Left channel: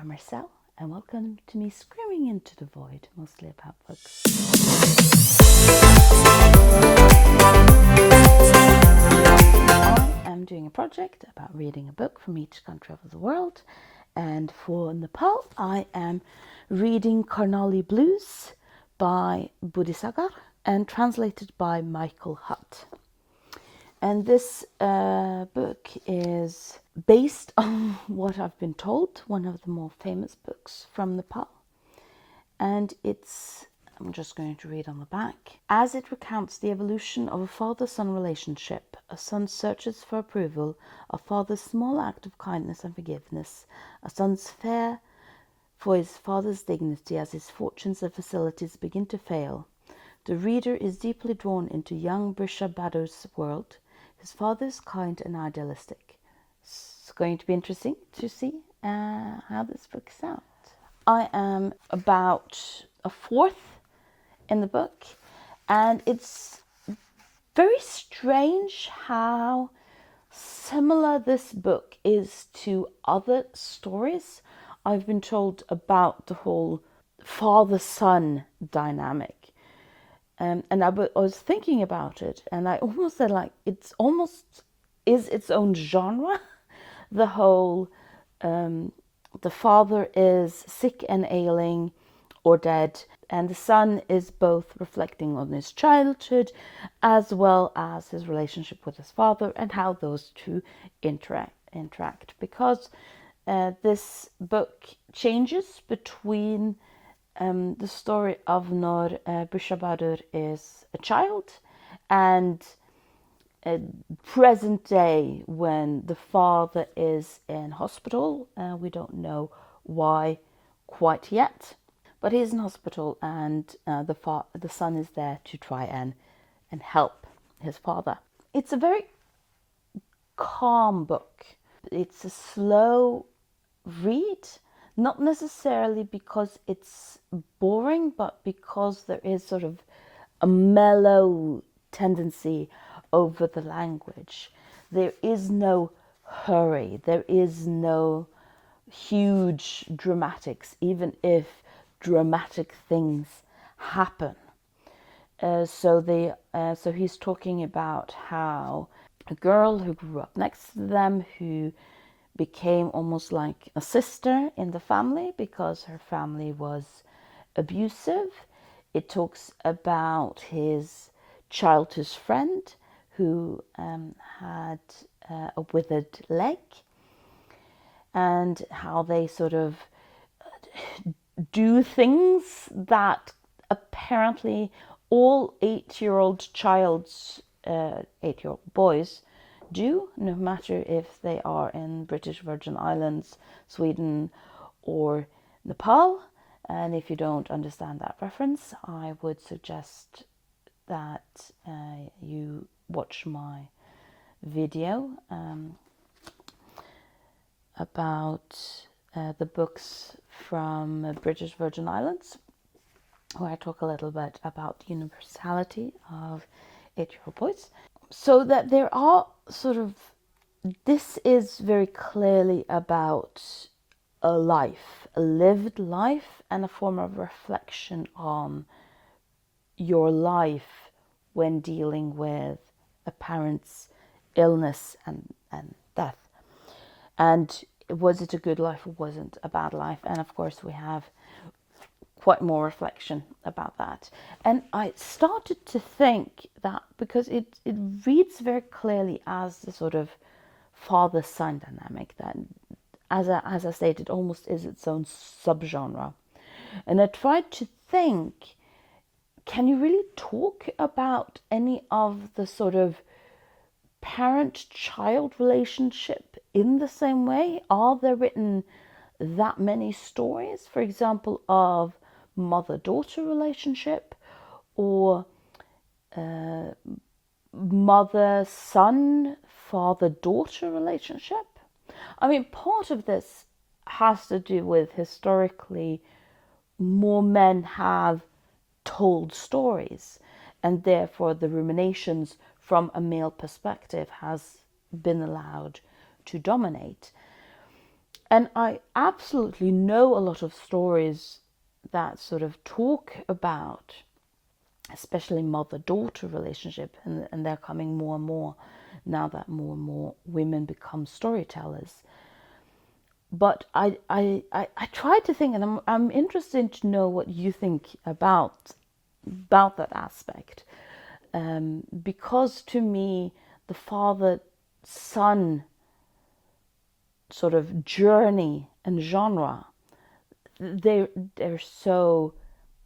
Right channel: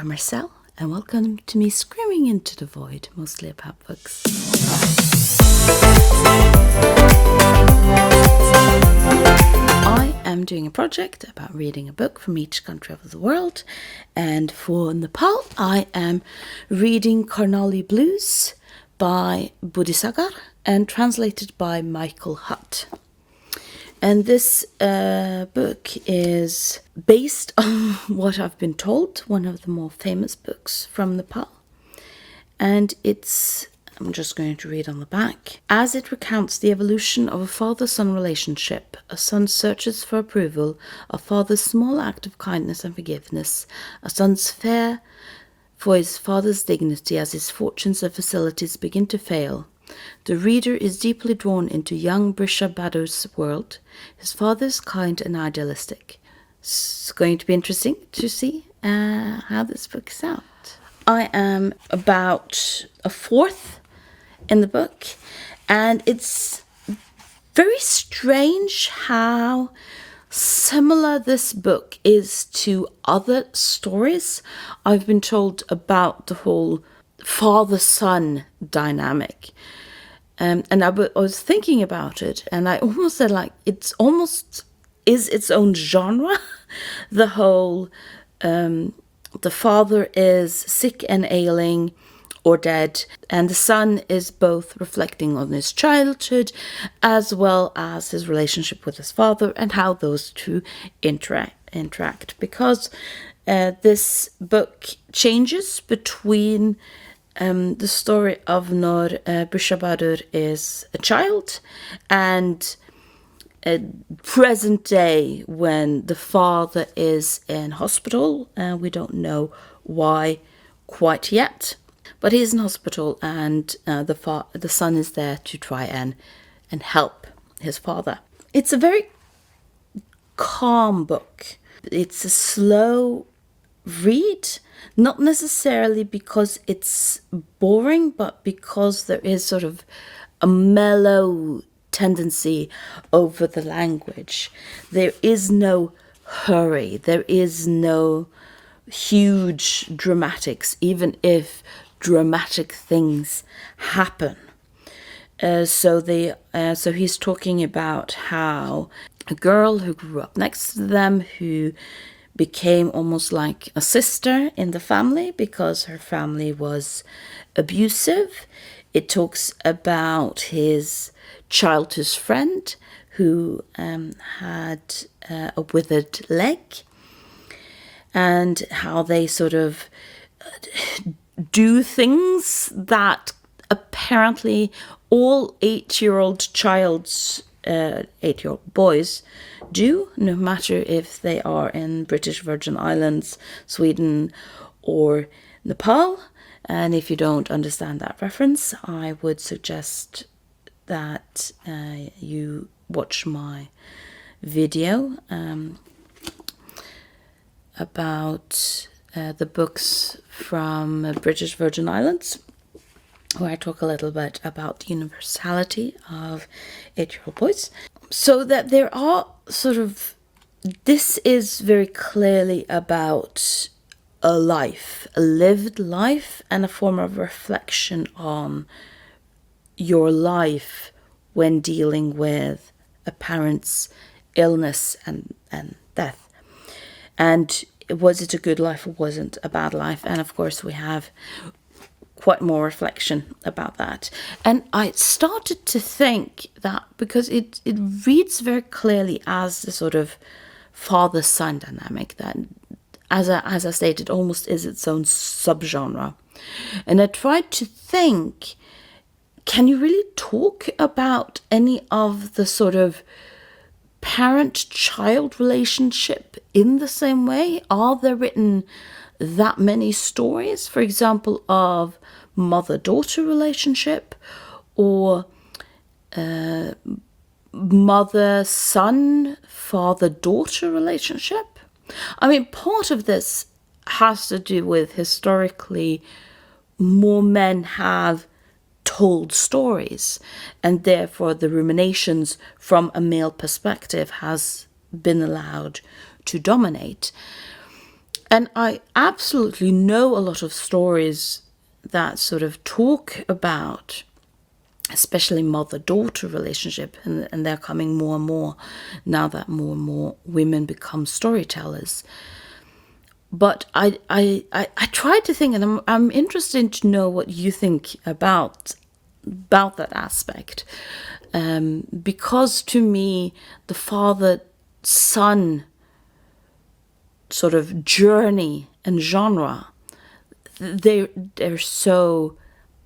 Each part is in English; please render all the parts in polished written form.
I'm Marcel, and welcome to me screaming into the void, mostly about books. I am doing a project about reading a book from each country of the world, and for Nepal, I am reading Karnali Blues by Buddhisagar and translated by Michael Hutt. And this book is based on what I've been told, one of the more famous books from Nepal. And I'm just going to read on the back. As it recounts the evolution of a father-son relationship, a son searches for approval, a father's small act of kindness and forgiveness, a son's fear for his father's dignity as his fortunes and facilities begin to fail. The reader is deeply drawn into young Buddhisagar's world. His father is kind and idealistic. It's going to be interesting to see how this book is out. I am about a fourth in the book, and it's very strange how similar this book is to other stories I've been told about the whole father-son dynamic. And I was thinking about it, and I almost said, like, it's almost is its own genre. The whole, the father is sick and ailing or dead, and the son is both reflecting on his childhood as well as his relationship with his father and how those two interact. Because this book changes between the story of Nur Buddhisagar is a child and present day when the father is in hospital, and we don't know why quite yet, but he's in hospital, and the son is there to try and help his father. It's a very calm book. It's a slow read, not necessarily because it's boring, but because there is sort of a mellow tendency over the language. There is no hurry. There is no huge dramatics, even if dramatic things happen. So he's talking about how a girl who grew up next to them, who became almost like a sister in the family because her family was abusive. It talks about his childhood friend who had a withered leg, and how they sort of do things that apparently all 8-year-old boys do, no matter if they are in British Virgin Islands, Sweden, or Nepal. And if you don't understand that reference, I would suggest that you watch my video about the books from British Virgin Islands, where I talk a little bit about the universality of 8-year-old boys. So that there are this is very clearly about a lived life, and a form of reflection on your life when dealing with a parent's illness and death. And was it a good life or wasn't a bad life? And of course we have quite more reflection about that. And I started to think that because it reads very clearly as the sort of father-son dynamic that, as I stated, almost is its own subgenre. And I tried to think, can you really talk about any of the sort of parent-child relationship in the same way? Are there written that many stories, for example, of mother-daughter relationship, or mother-son, father-daughter relationship? I mean, part of this has to do with historically more men have told stories, and therefore the ruminations from a male perspective has been allowed to dominate. And I absolutely know a lot of stories that sort of talk about especially mother-daughter relationship, and they're coming more and more now that more and more women become storytellers. But I tried to think, and I'm interested to know what you think about that aspect, because to me the father-son sort of journey and genre, they're so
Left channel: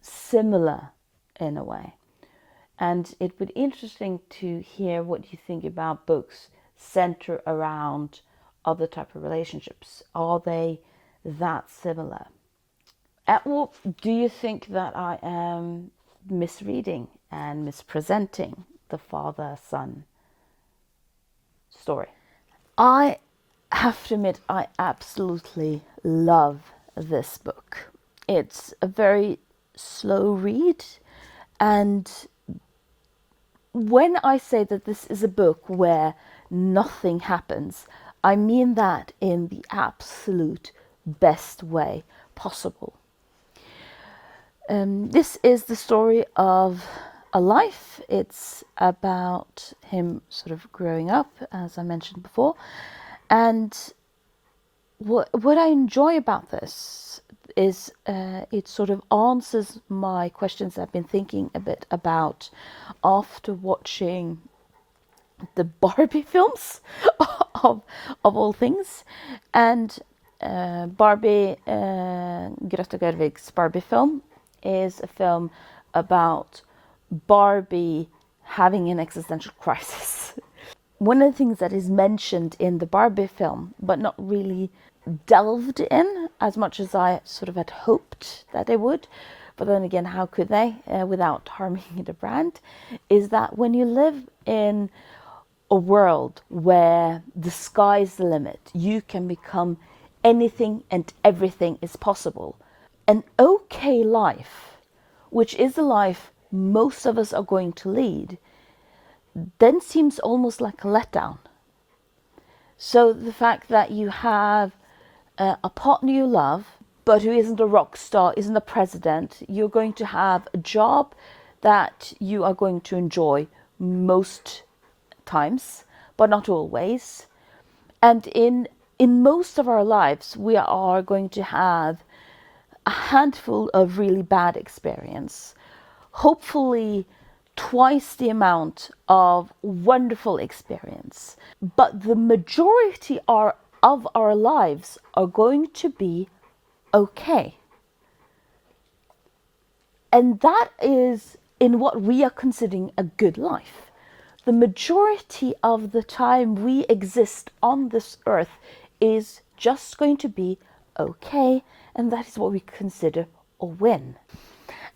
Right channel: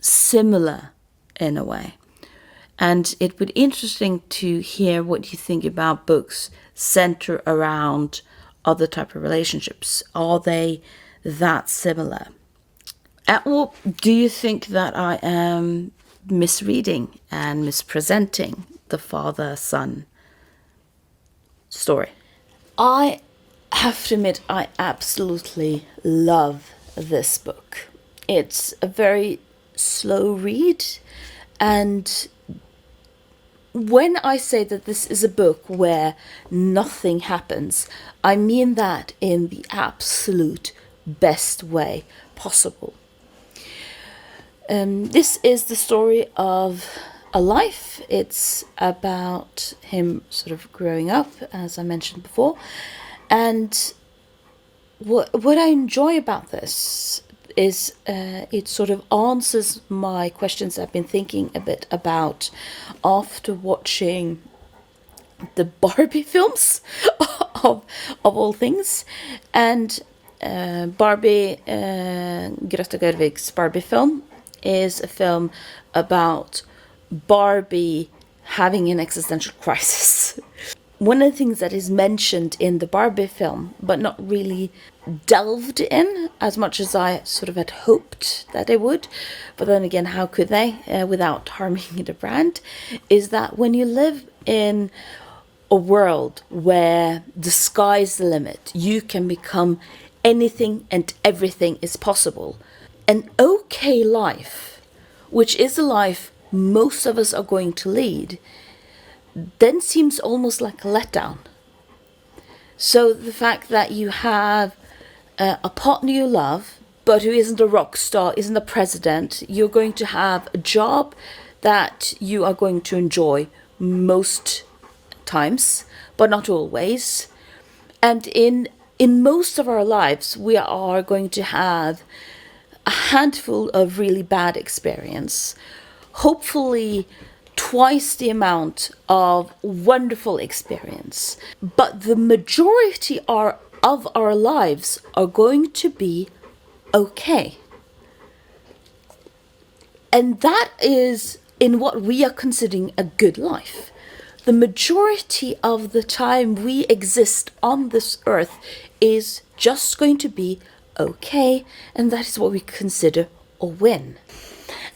similar in a way. And it would be interesting to hear what you think about books center around other type of relationships. Are they that similar? Or do you think that I am misreading and mispresenting the father-son story? I have to admit, I absolutely love this book. It's a very slow read, and when I say that this is a book where nothing happens, I mean that in the absolute best way possible. This is the story of a life. It's about him sort of growing up, as I mentioned before. And what I enjoy about this is it sort of answers my questions I've been thinking a bit about after watching the Barbie films of all things. And Barbie, Greta Gerwig's Barbie film is a film about Barbie having an existential crisis. One of the things that is mentioned in the Barbie film, but not really delved in as much as I sort of had hoped that they would, but then again, how could they without harming the brand, is that when you live in a world where the sky's the limit, you can become anything and everything is possible. An okay life, which is a life most of us are going to lead, then seems almost like a letdown. So the fact that you have a partner you love, but who isn't a rock star, isn't a president, you're going to have a job that you are going to enjoy most times, but not always. And in most of our lives, we are going to have a handful of really bad experience, hopefully twice the amount of wonderful experience. But the majority of our lives are going to be okay. And that is in what we are considering a good life. The majority of the time we exist on this earth is just going to be okay, and that is what we consider a win.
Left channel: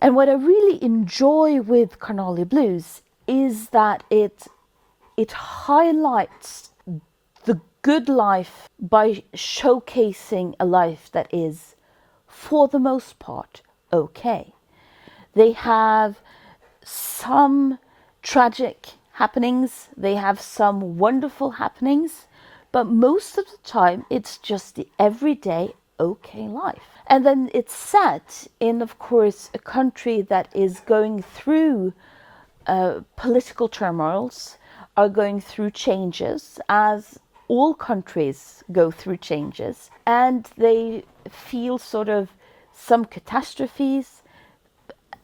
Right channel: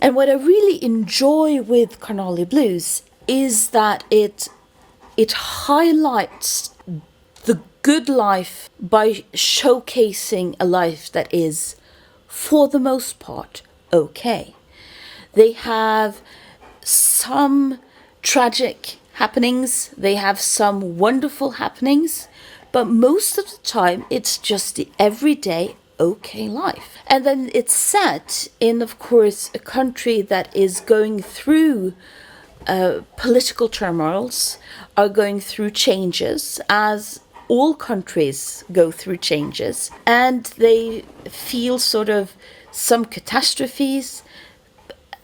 And what I really enjoy with Karnali Blues is that it highlights the good life by showcasing a life that is, for the most part, okay. They have some tragic happenings, they have some wonderful happenings, but most of the time it's just the everyday okay life. And then it's set in, of course, a country that is going through political turmoils, are going through changes, as all countries go through changes, and they feel sort of some catastrophes,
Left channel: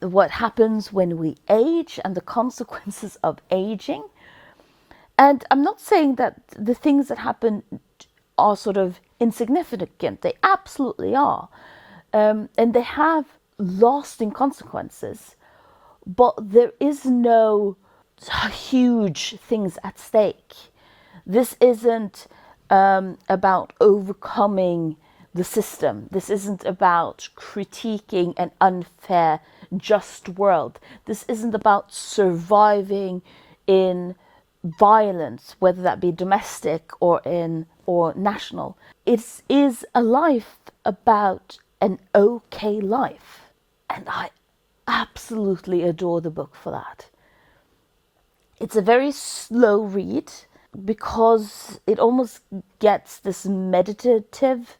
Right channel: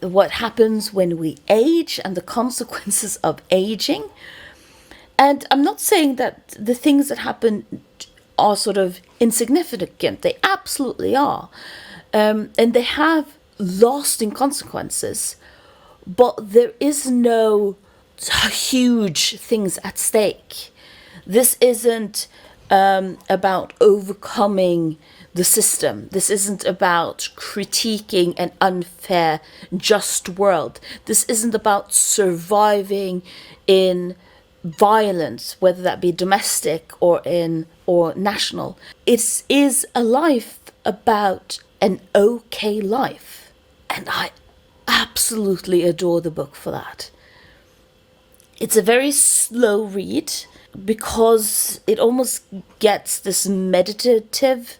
what happens when we age and the consequences of aging. And I'm not saying that the things that happen are sort of insignificant. They absolutely are. And they have lasting consequences. But there is no huge things at stake. This isn't about overcoming the system. This isn't about critiquing an unfair, just world. This isn't about surviving in violence, whether that be domestic or national. It is a life about an okay life. And I absolutely adore the book for that. It's a very slow read because it almost gets this meditative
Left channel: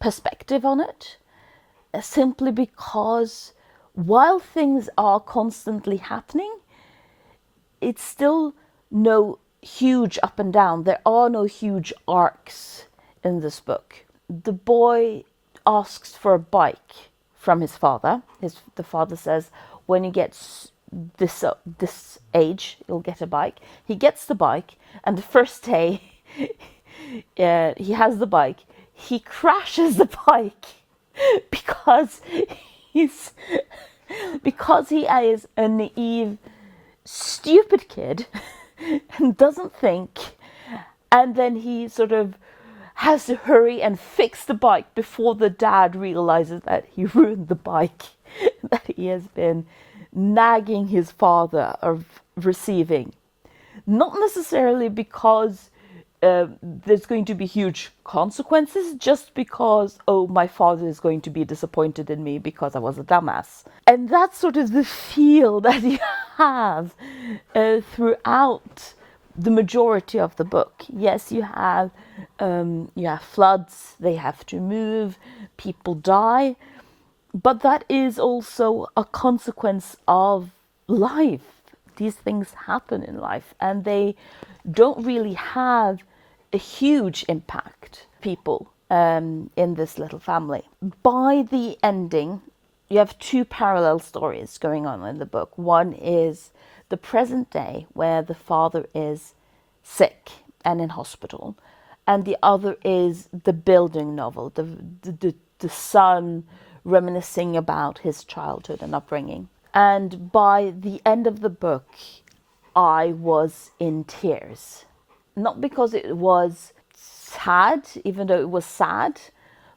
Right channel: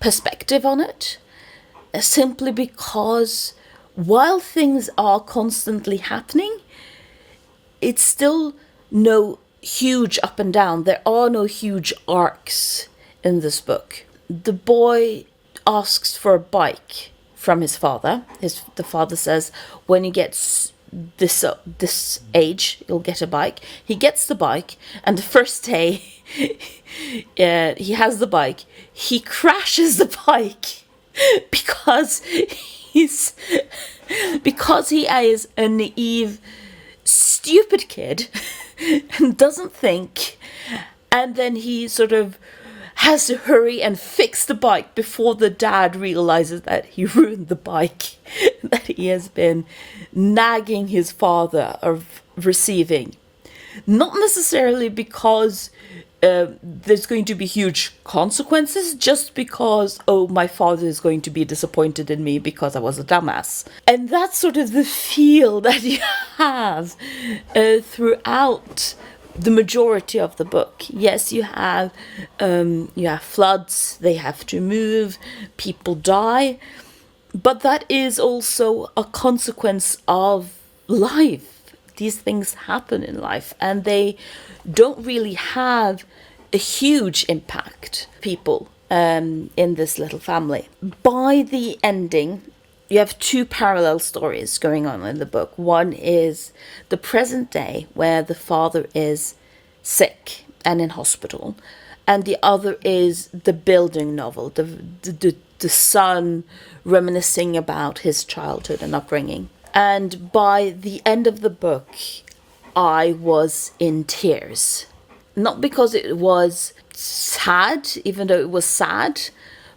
perspective on it, simply because while things are constantly happening, it's still no huge up and down. There are no huge arcs in this book. The boy asks for a bike from his father. The father says, when he gets this age, you'll get a bike. He gets the bike, and the first day he has the bike, he crashes the bike because he's because he is a naive, stupid kid and doesn't think, and then he sort of has to hurry and fix the bike before the dad realizes that he ruined the bike that he has been nagging his father of receiving. Not necessarily because there's going to be huge consequences, just because, oh, my father is going to be disappointed in me because I was a dumbass. And that's sort of the feel that you have throughout the majority of the book. Yes, you have floods, they have to move, people die, but that is also a consequence of life. These things happen in life, and they don't really have a huge impact on people in this little family. By the ending, you have two parallel stories going on in the book. One is the present day, where the father is sick and in hospital, and the other is the building novel, the son reminiscing about his childhood and upbringing. And by the end of the book, I was in tears. Not because it was sad, even though it was sad,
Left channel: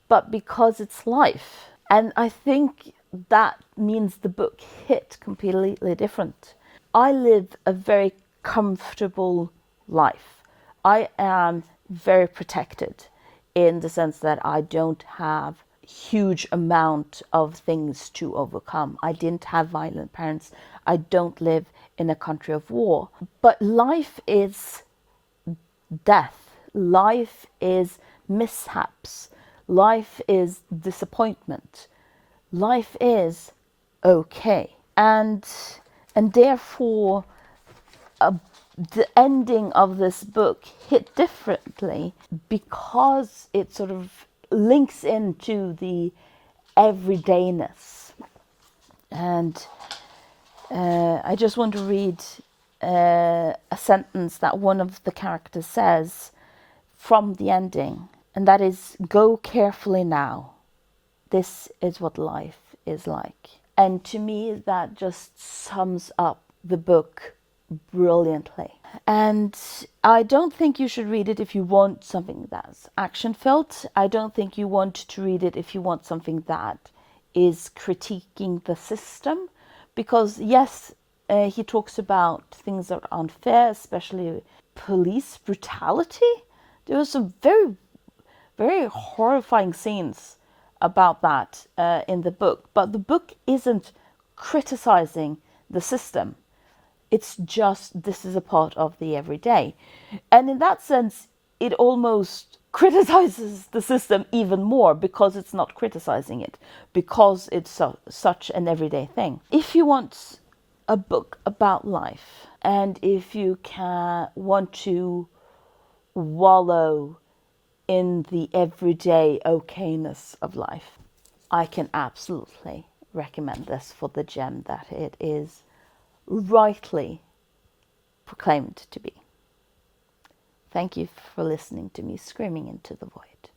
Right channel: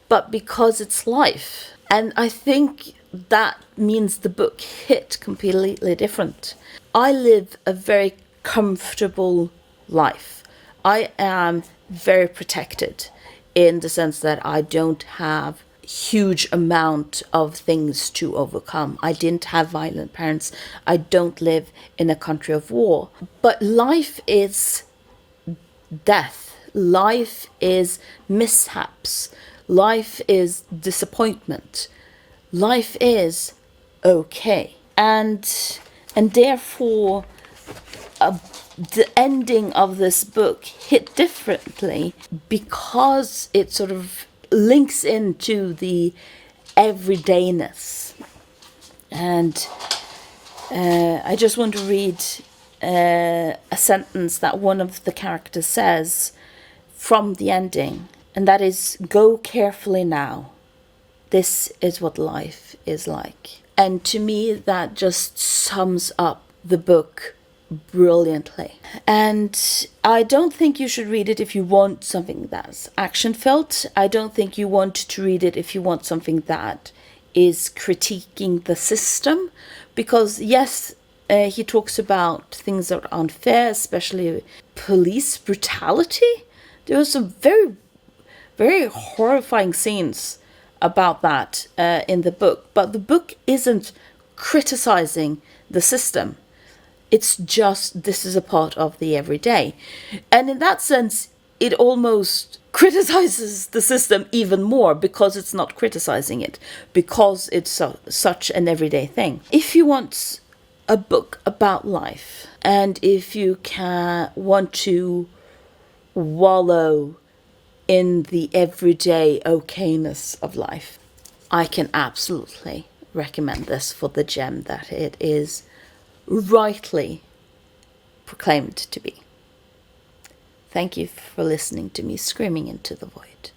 but because it's life. And I think that means the book hit completely different. I live a very comfortable life. I am very protected in the sense that I don't have huge amount of things to overcome. I didn't have violent parents. I don't live in a country of war. But life is death. Life is mishaps. Life is disappointment. Life is okay. And therefore, the ending of this book hit differently because it sort of links into the everydayness. And I just want to read a sentence that one of the characters says from the ending, and that is, "Go carefully now. This is what life is like." And to me, that just sums up the book brilliantly. And I don't think you should read it if you want something that's action-filled. I don't think you want to read it if you want something that is critiquing the system. Because yes, he talks about things that are unfair, especially police brutality. There were some very, very horrifying scenes about that in the book. But the book isn't criticizing the system. It's just, this is a part of the everyday. And in that sense, it almost criticizes the system even more because it's not criticizing it, because it's such an everyday thing. If you want a book about life, and if you want to wallow in the everyday okayness of life, I can absolutely recommend this for the gem that it is rightly proclaimed to be. Thank you for listening to me screaming into the void.